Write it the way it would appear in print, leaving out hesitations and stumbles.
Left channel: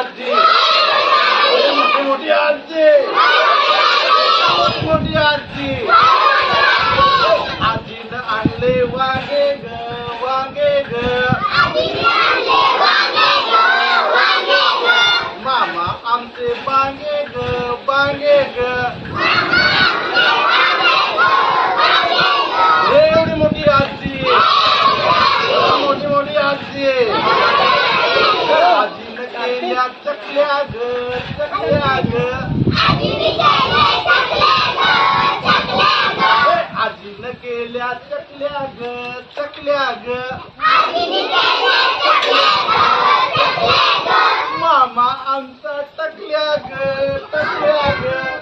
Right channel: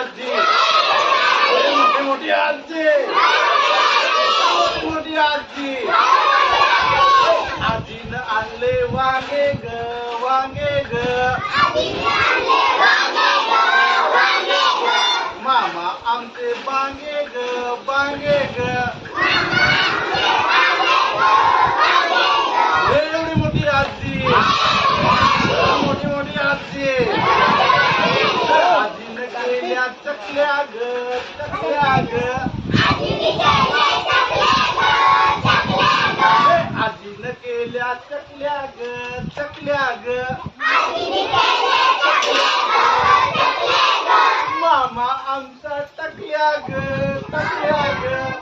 आजी, मोठी मोठी आजी, मोठी मोठी आजी. आजीनं आणले वांगे ग, वांगे ग. मामा आमचे बांगे ग, बांगे ग. एवढी मोठी आजी, मोठी मोठी आजी. आजीनं केल्या चकल्या ग, चकल्या ग. आजीनं केल्या चकल्या ग, चकल्या ग. मामा आमचा टकल्या ग, टकल्या ग.